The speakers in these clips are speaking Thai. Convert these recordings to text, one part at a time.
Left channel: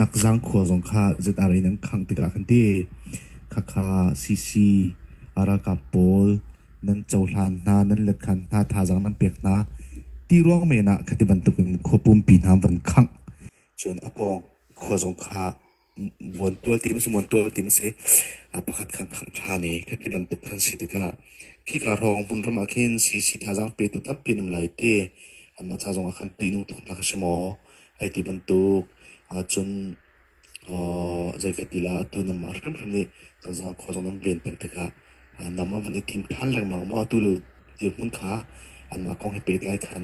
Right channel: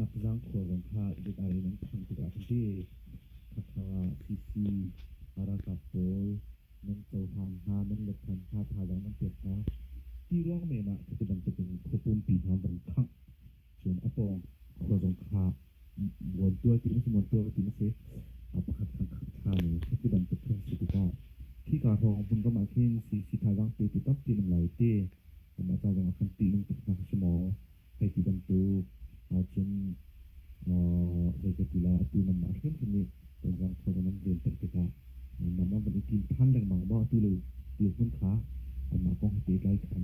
นักจังขัวสงค่าจะอะไรนังขังติกาคันที่คาซีอารากับโปลนันเจ้าหลานนานันเล็กขันนาทาจังนันเปียกนาที่ร่วงเมนะคติบันตุกันขบุมปีนามวันขังจนอปองขัวสงค่าวนตัวติมสมวนตัวติมเสอปขัดขังชาเนคติบันตุกันสิติกาพี่การรองบุญรมาเคนซีทาจังเปตุทับปีนมไลเตอันมาทาจังขันตีนุตุนักสมอไอติบันตุจนใจกติลาตัวนำมาเริ่มเลยตั้งแต่ข้อสงเปลี่ยนเป็นตะนำมาวันทีมทันแรงมาตัวเลยเดี๋ยวมุนขาอันมากองให้เป็นไล่ทัน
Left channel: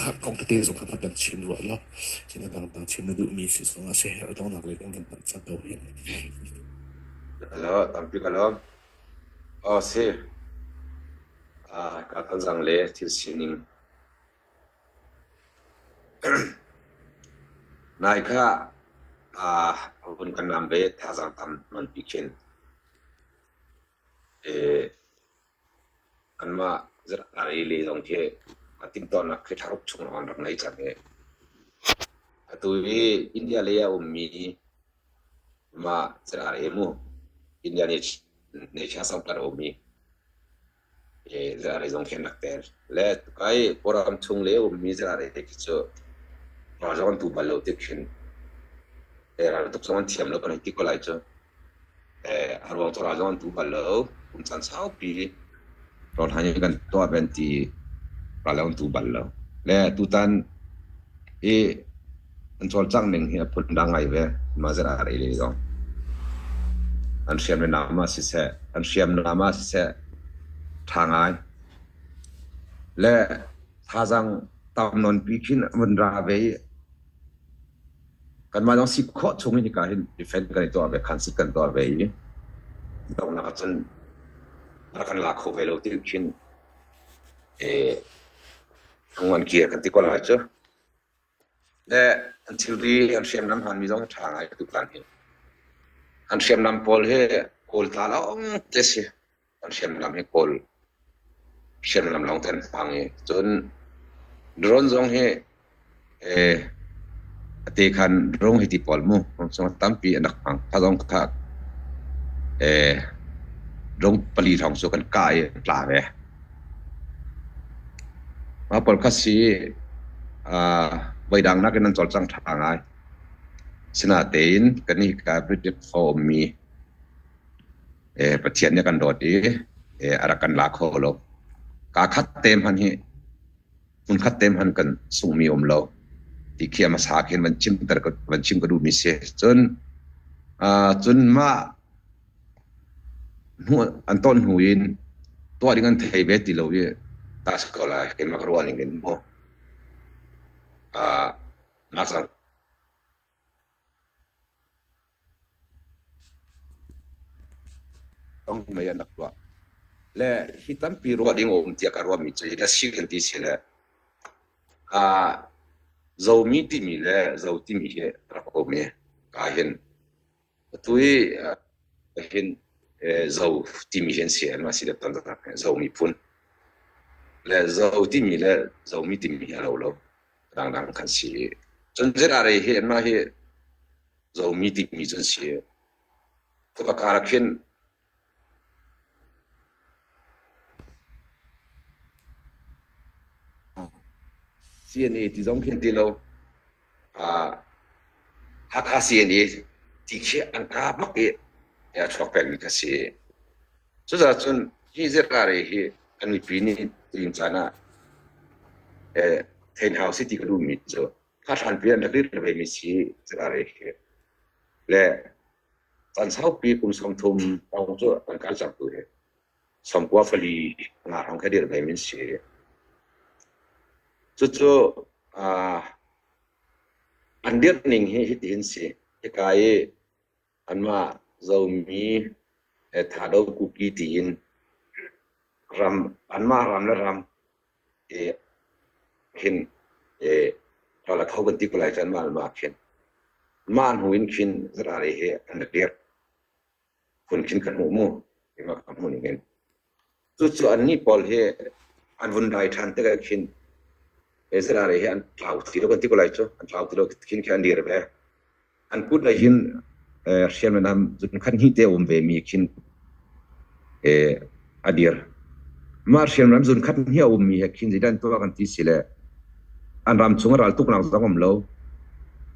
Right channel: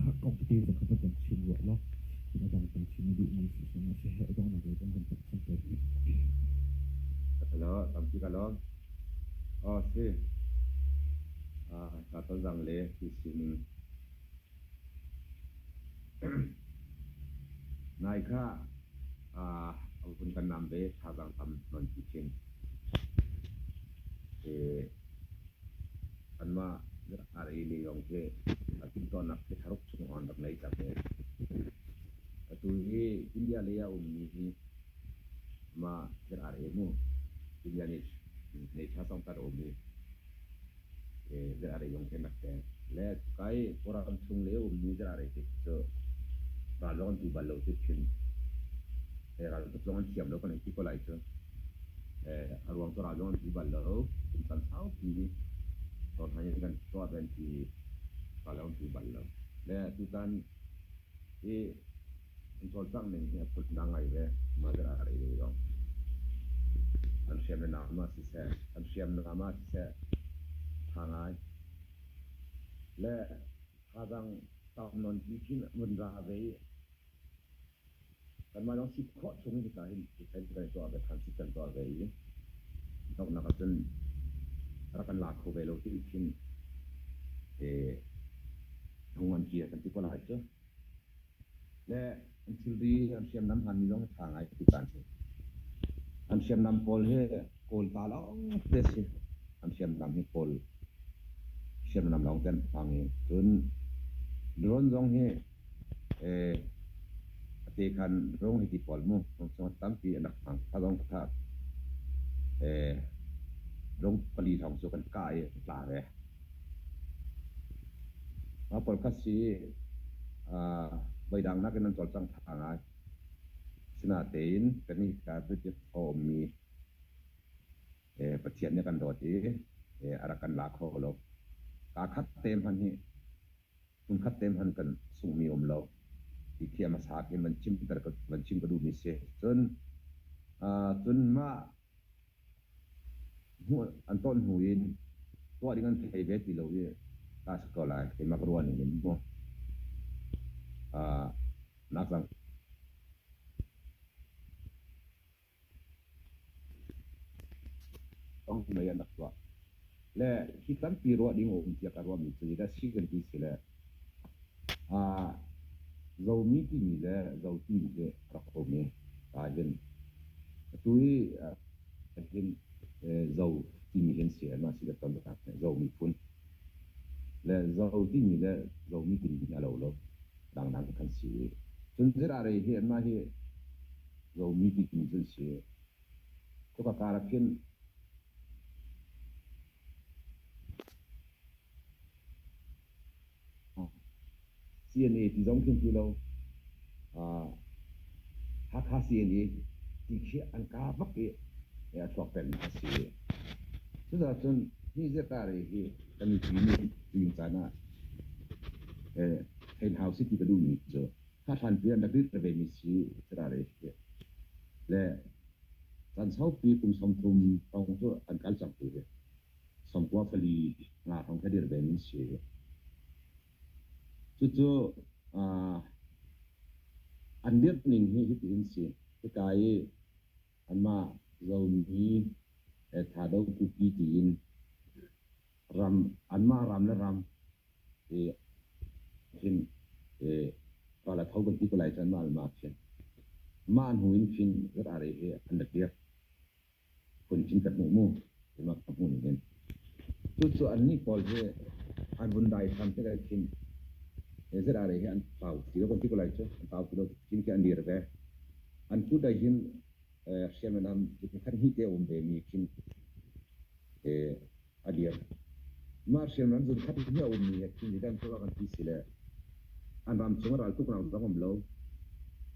ข้ากองเตะสงครามดังชิมรัวแล้วที่นั่นดังชิมนั่นดูมีสิ่งสงเสียต้องนักเลยต้องกันตั้งใจเอาเห็นแล้วตามที่กันแล้วเสียการตั้งใจเลยที่สิ่งนี้นายข้าคนกันนำไปท่าสังทำมันพิเศษอันมาจะอะไรเลยตรงที่มาติดต่อนักข่าวช่วงวันรักในจัดเนี่ยตัวอินเดียเลยมีมาจะอะไรมั่วอินเดียเนี่ยชาสังกัดมีจะอะไรตรงที่นักเตะและใครพอเราช่วงเลยมีจะอะไรที่จะเราจะวันทุบบัลลังก์ที่ขึ้นเราต้องสอนทีมเราเป็นที่ก็ไล่จ้ะเราต้องเราจะวันทุบบัลลังก์ผมสันสาวปีเราทำอย่างกันตัวเป็นที่เราวันทุบบัลลังก์และทุกท่านอันส่วนจังหนึ่งเนี่ยพูดดังไงเว้ยมาจะอะไรเลยจ้ะอันเชื่อมในน้ำมาสิเสอันเชื่อมน้ำมาสิเสทางไงและถ้าจังตามนนปีขึ้นมันราเวกันมาต้องสิข้อชงนี่การเห็นดิเฟนต์กันตัวแบบคันสิกันตัวเวต้องนับจนรักันหลักของเวลาที่ขึ้นทั้งวันเกียร์กันที่ก็หลายจ้ะและอันที่รีอันเชื่อมน้ำหันมีต้องทางไอ้ทุกการเห็นอันเชื่อมน้ำโพลให้โพลตาแล้วเจสิอันเชื่อมน้ำให้โพลเชื่อมน้ำลงเต้นฟังจนโดรนจงให้ตีคันรงให้ที่ปอลมูผมสมตั้มปีนักฟังถ้าต้องขาดรงปลีทองสุกันกายปลาเวมาปอลคัสซีใบดังนักนั้นจอดจังทางไงสนาเตนกันนี่การบริจาคฟอร์มีประเทศเนี่ยกันโดดดีอารักันลาโคโลกาคัดเต็มหันฮีคุณคัดเต็มหันกันส่งมีอมโลที่เขียมาสาเห็นมันชิมแต่ก็มันชิมก็ดูมีเสียจนมาหัวอันต้นหูยินตัวดิ้งกันไทยเวทีเราเนี่ยตาสกอลาเห็นมากรัวนี่เงินโมนักสังต้องไม่ยันนักว่าและที่ตั้งปีรัวดิ้งอมที่การรัวมีใจและสิ่งที่เสียแล้วزومي تيمي لا زو تيمي هي رقمي كاهن توي هن زو تيمي جنسي ما سيده تندر زومي فون لا زو تيمي لا زومي تيمي لو دان كان سي جنجر عليه هي ما هي زومي تيمي جنسي فكاركن CNA ที่ต้องคิดดีแล้วฮักฮา CNA ที่เชื่ออันกาบักอย่าชอบเป็นกันสิสุดท้ายจนที่จะอะไรที่อันนี้ปีนี้ที่อินซานะเทนเฮาส์ที่ก็ดูมิจฉาถ้าทันเปลี่ยนนักเรียนไปมิสิจะอะไรและตอนเช้าปีกุมสมทุมเอาตัวอันการจับตัวสมกว่าฟลีงานของแค่เดือนไปมิสิจู่ๆอันเดียร์หนึ่งให้เห็นสิที่กายอันมาเรามีถาดกุกีตีนรำอันมารำและรำเห็นเราละเขากันที่กุไลจันมาเห็นมาอันหูอินขินจะอะไรเหอันเดียร์คนขินกันหูมูเห็นมาคำหูนี่เงินจู่ๆอันนี้พอเหอันวันใดทันแต่ก็ขินจะอะไรเหอันเปล่าที่เรากันที่กุไลจ้ะอันเปล่าที่เราขินแค่อันเดียร์ไป อันพูดได้ยินเชียนนำจุดคันฮิเตอมเวมีคินอดีรมาเชียนนำจุดคันฮิอมมีคินจิดันตัวกันที่สิเลอันรำชงรัลตุกนังสังคมโล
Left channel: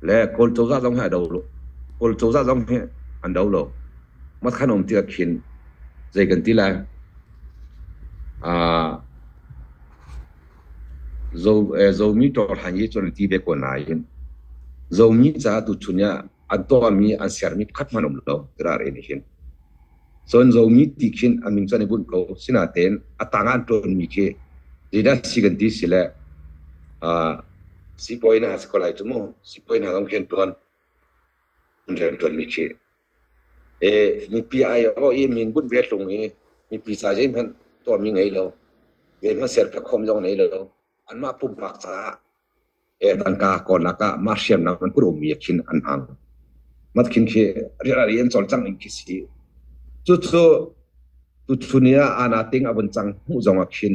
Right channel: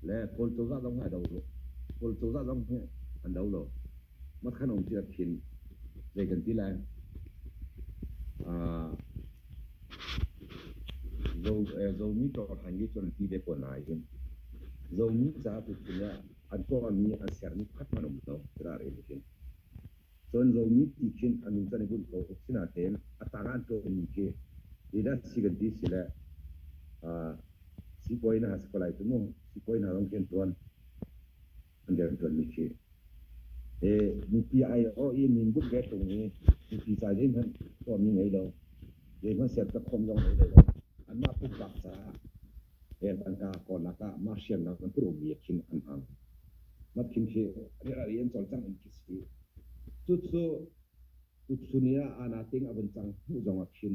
และโคลโจซาจงให้ดาวโลโคลโจซาจงให้อันดาวโลมัดขนมที่คินใจกันที่ละzomi to hanyi to ti be ko na yin zomi za tu chunya anto mi asyar mi khat manum lo rar en hin son zomi ti khin amin chane bun ko sinaten atanga to mi ke dida siganti sila si point has ko lai tumo si point ha ngam ken ton ren ton mi ke mi pi ai o e min bun vet long e mi pi sa je man to mi ngai lo ve ma ser ka khom jong nei loอันมาปุ่มปากษาตังกาก่อนละก็มาเชียมนะมันก็รวมมีคินอันอังมัดคินเคเรียนสอนจังอินคิสีจุดชุนีอานาติงอบันจังหูจงอักคิน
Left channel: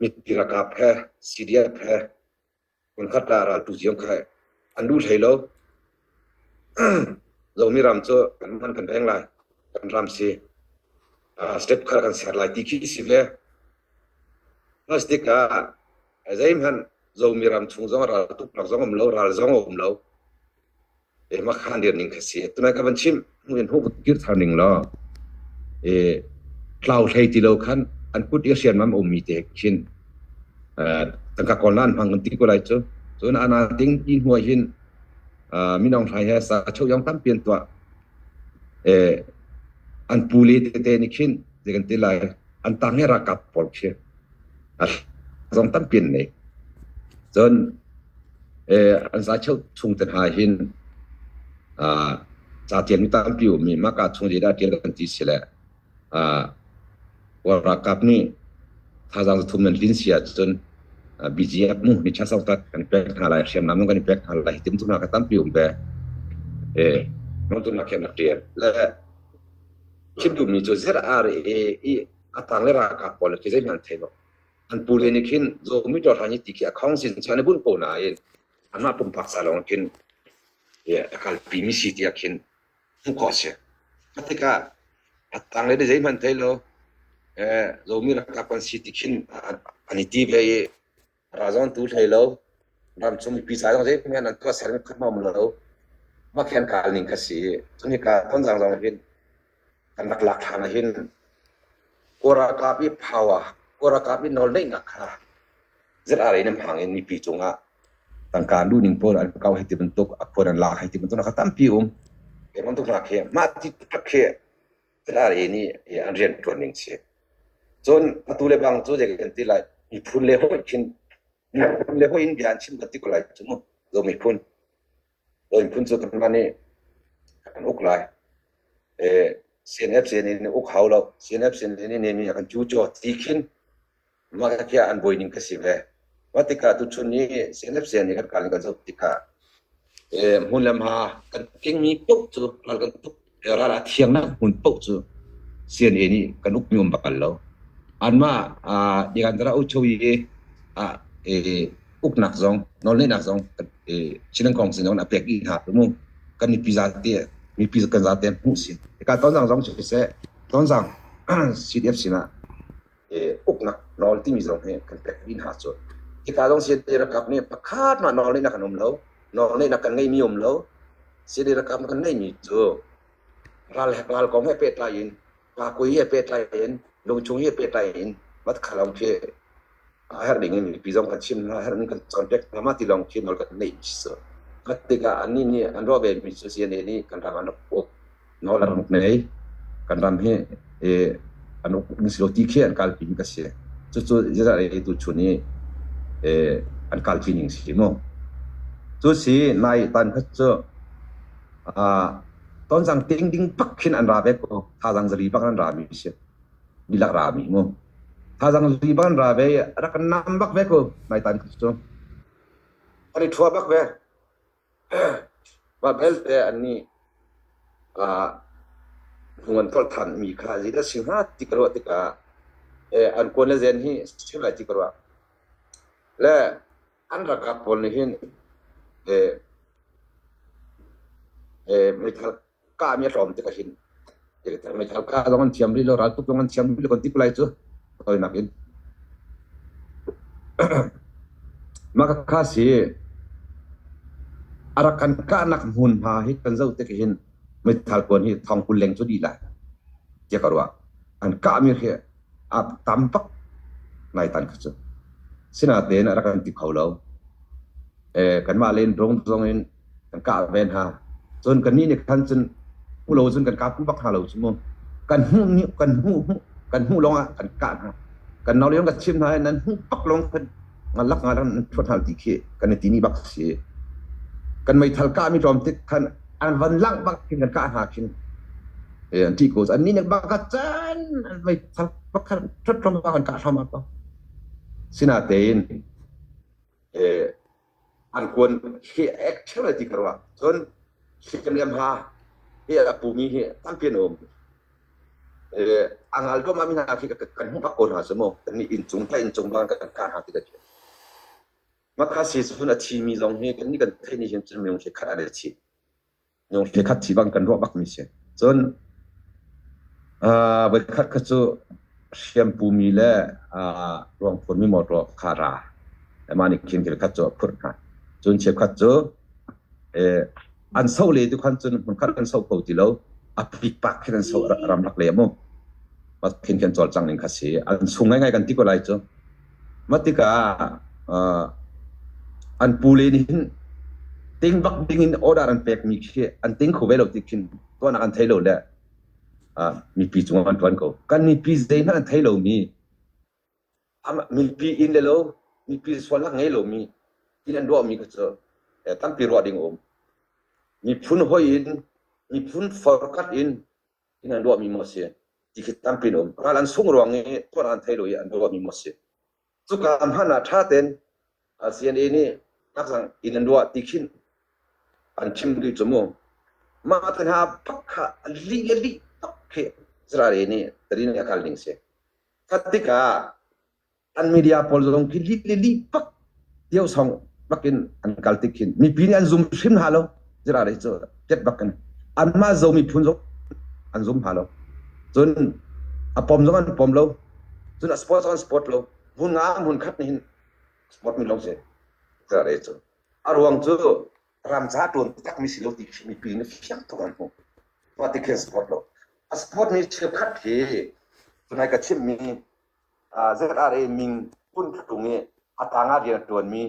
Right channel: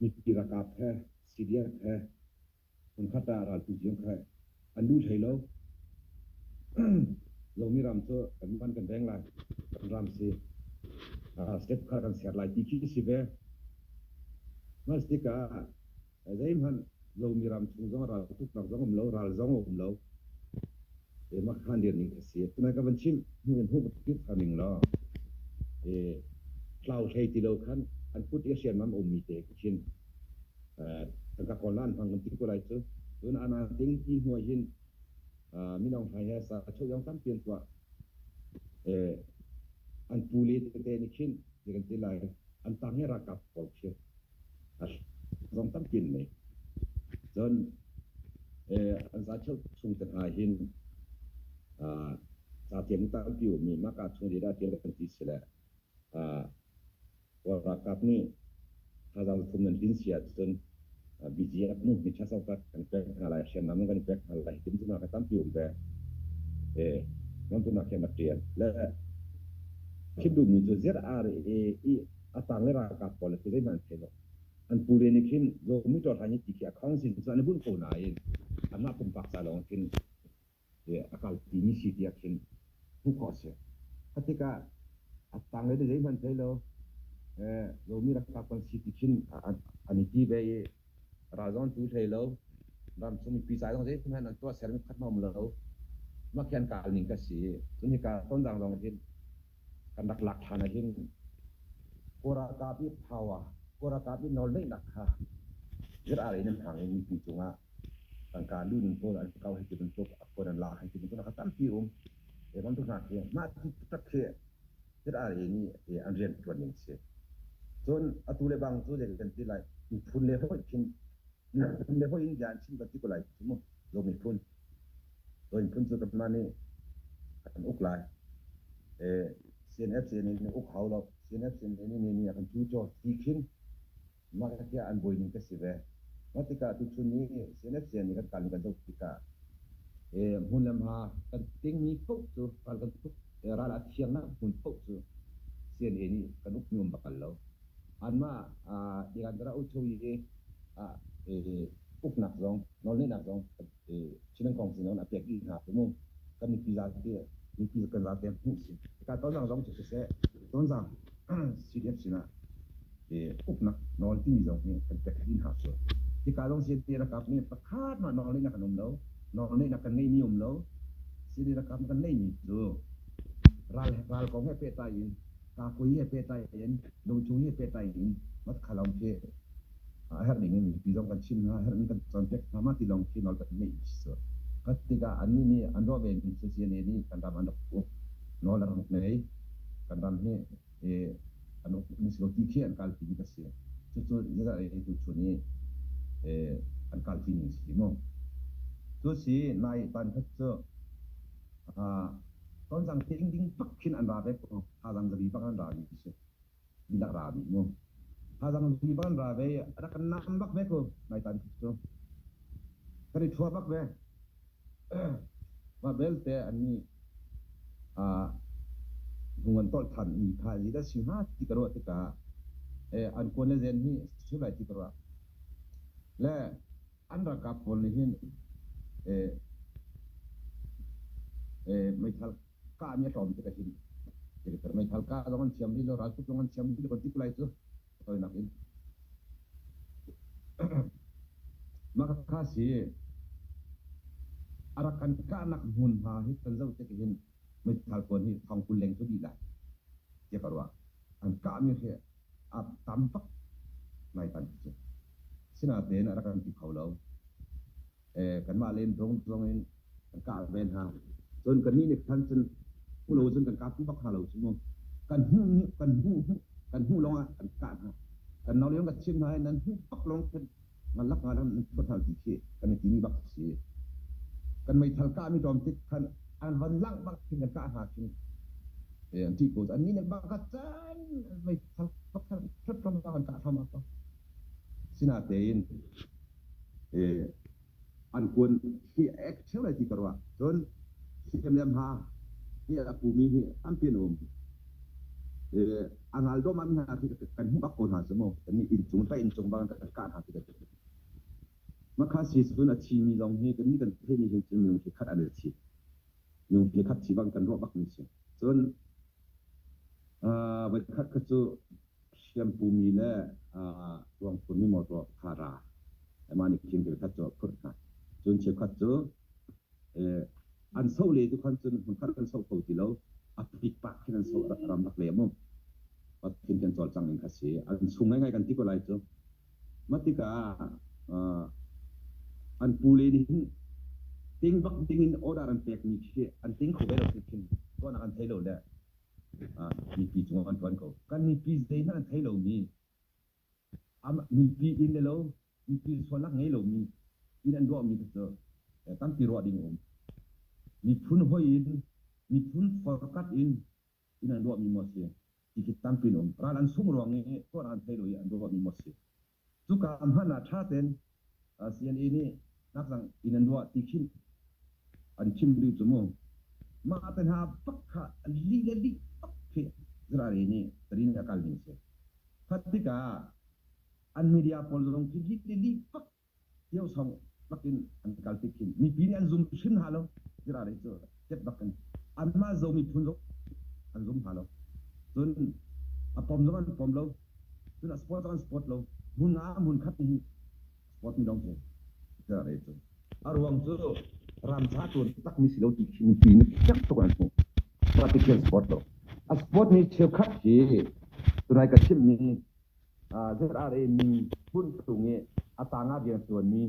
มีตีรากาแพ้ซีเดียแพ้คนขัดดาราตุจิยงแค่อันดูไทยแล้วเรามีรำโจกันมันกันแพงไรกันรำซีสเต็ปขากันเสียหลายตีขี้สิเวMastika azaimhan zomiram chungzong ra tuk nak zong lo ral zong lo ma khan dir ning khasi tuna ka banchim huin hu gir thaning lo cloud thai ti lo khan an put asian mam mi te khin tangka konan phang ti ko lai chu chuna ana ting in huai hin minong thai ha sa chou yong tam pian twa an puli te ni khin de kan ti lai an tang he ra kap pol che dòng tắm biển này dân anh giá châu chung tận hai hin giá tiền tắm biểu mình mắc cả chung gì đã tiền gần tí xí lệ và ra cặp này thà rằng thu mình linh xia dân BGF mu ni chắc sau ta cần bẹt hà lại xem nắm nó cần bẹt hà lại tìm tụi nào cái tắm biểu về nó tụi nào khen đặc tiền là khi đủ mình cho rất atang le ra cặp bỏ lại cái gì mình thấy nóอันปูเรนิคินโซมิจอทานิติเกียของสินชาในบุญโปนาเองอันมาปุ่มปักษาลงคินการปีมิสิติยคินมุขเสียพัฒนาอัตังเลยได้ใจมันเทโลโซมิรักกับสิติคินอันนี้ที่ไปราจอนตูเทโลรำสมปีศาจของใจเมื่อนั้นตัวเสร็จขึ้นมาหมดแล้วมาแข่งการลิงกัสสีจนที่การต้นสังสารคินกันหลักฐานคินโอรากาบิภาวะก็ราคาเป็นนอลได้นักค่ะจะอะไรน้ำหางเอ็นมีปีจงอ่ะต่างการดูนิ่งโพลอันเก่าให้ติมันตกอักโพนันลาให้ติมันตกนะครับตั้มปีเห็นมันตกหนักเขียมาที่ทักเขียจะอะไรนี่อันเรียนตัวหนึ่งเสียจนตัวเลบังตัวเด็กกันที่ไรมีพุ่นเลี้ยวชินมีพุ่นเลี้ยวอินเดียนชินกันที่ก็ไรจุ่มเรามีพุ่นจุดนั้นนี่กันอุกไรCNF นี่อุกเขาเรา CNF นี่มีกันจู่จ่อตีขินมาแค่อันบอยนิ่งก็สิเววัติกาตุชุนนี้เซนเอฟเซนนี่กันกันจะติกาหุ่นลำหากันเก่งมีปุ๊บจู่เรากันปุ๊บเราละเทียงนะหุ่นปุ๊บจู่เซียนนี่กันอุกยมบักกันแล้วอันมาดิกันเราช่วยอุกนักซองนอนเล่นนักซองชินังกองสิน้องนับเปียกอีหาตัวมึงกันมีปีศาจเตี้ยมีปีศาจกันซาเตี้ยผู้สิการตอนสังซองช่วยเสตอนสัง CDF สินะอุกนักนอนที่มีสองให้กันแต่วินหาจุดที่การต้องเสียดีระกับเนี่ยประคาดมานอนเลยนักขนมแล้วนอนเลยนักกันไม่มีอมแล้วเสียดีระกับกันไม่มีจุดราลกองให้เป็ดตายอินปากุยให้เป็ดตายอินลงชงให้เป็ดตายอินวัดขลองเพื่อให้เด็กนี่มีปีจงกันชิมให้เด็กกันจอนเด็กมาที่ลองชิมนอนกันไม่มีจุดวัดติกาอันนี้เนี่ยอันรอบเป็นมีเสียนี่กันทำอันรอบนอนหลังไหนกันทำให้อันนี้สิโลติเขียนการพิมพ์ก็เสียจุดจะอะไรตัวชุนี้อันการพิมพ์สิโมจุดสีในตันเขาจะตอนสั่งติ้งปักขึ้นอันราเบก็ถ้าสั่งจะรีบักอันรามีเสียดีลักรามีโมถ้าสั่งรีบักอันราเบรักกันน้ำบักเบก็ในตันเขาจะถ้าได้ทัวบักเบว่าเบลเตอันนี้หัวต้นทันมีค่าที่ได้สิ่งห้าที่กระโดดที่กาอันคนละเจนที่สิ่งอะไรที่กระโดดและอันรักกับคนนี้เห็น ไม่ทัลกามีรอมติกะหินไม่ทัลกาตอนเทียมริโลรัลตุตอนเทียมริโลคนติกไลจูตัวนักอินmaka kasi arakan ka nak hun ha hi kan zau te hin mai thal kon hi thong kun leng chu di la je karwa an ka mi he ap tampak nai tan chu sina te na arakan ti khaulo kan ma len rong in kan ka ben ha chon kan ni ne kan chun u lo chun kan ka pu bak ha lo chu mo kan hu long a kan ka ha kan naw leong ka chim ha nan hu pak long kan ngalak ngaran total dikhe kan tini bak se kan mai thalka mi rom tik kan an van lang bak kin kan ka ha kin anti ko an ni ne bak ka chan an mai thal bak kan tot rom bak kan ka thama ko sina tein an kon he actuality karwa ton kem lem ha he apu mi he tampien om angal do ma mi na ki kan hu bak on ha samo ni in chung ban kan ka ha ti ka makasi suna chi mi zong he kan ni kan thai ni hin chim yong she khat ane chi yong she khat chi bang kan ro bak mi se chon ba khat kha chu shampoo mi le rong phon mi mo ro khara ma ni kin ke khat chu phur kha chon che khat chu an sau le tu khan chun hun khat kan sau ko ti lo a pik pak kan sau ram lak le mo ma kin kan chol chang ning kha si an sungai ngai kan ti ko lai chu matika an pule ni ting bak ding in order an pek mi khe an ting kho belo tikin to na an thailo le mi pi chung an twan ko kan mi pi zein an thailo mi mi pi in le lo mi pi swalak ngai lo mi in an do mi ko cho tam pi ro ding om mi phun hoi in mi phun forkat in an do mi mo se ti ke tam pi om ral an sung ro nge to an thailo an do mi mo se chu ka am hana tha ten CNA ni nak sang inan dua tikin an chim di chomo ma tan ha pakha li pakke zrare ni tari ni akal ning se thatika an media pol zong ki li pak dio song bakin an kal tikin mi pin an zoom sim halo zrare cho tet bakan an ma zo mi phun zo an zoom halo chun a pom zo an pom lo chun a sport lo hun nga hun khat ni sport mi long se zare cho arwang chu ram cha ton tak mi silo ti mi pin fiak to an ho wa ti ke sport lo a sport ni chep khat thi tunai ka chim mi zare ming hun thunge atanga dia ton mi